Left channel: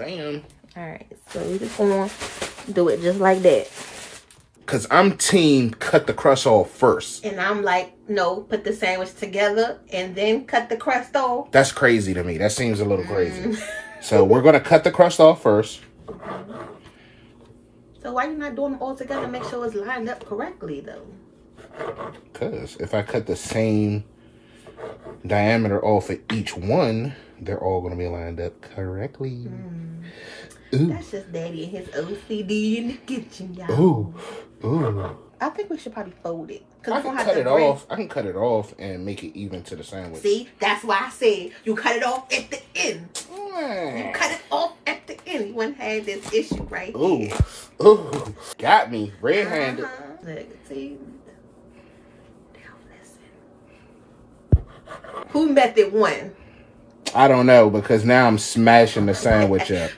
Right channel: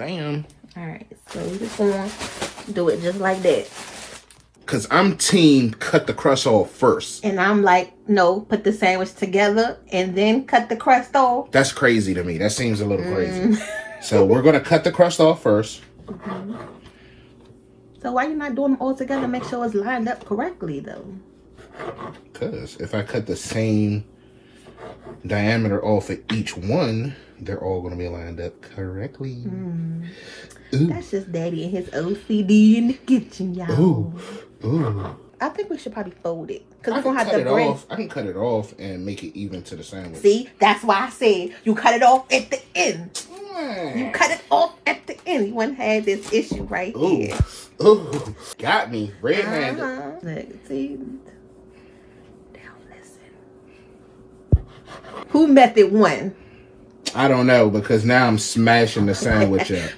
Bam. All right, so we just gonna do it just like that. Cause I'm team cut the crust off first. And I'm like, no, put the sandwich together and then cut the crust off. That's crazy to me. That seems a little crazy. So we're gonna cut the crust off first. So why you not doing them all together? Make sure it's lined up correctly though. Cause if I cut the same diameter off of each one, they're all gonna be lined up correctly. That's just Daddy and his OCD in the kitchen, y'all. Ooh. I think we should probably fold it. I can cut it off. I can cut it off and make it even to the sandwich. See, that's why I said you cut it off at the end. You cut it off at the end. One had this issue right here. Ooh, got me red-handed. Who method one? I don't know because now I'm smashing the sandwich up.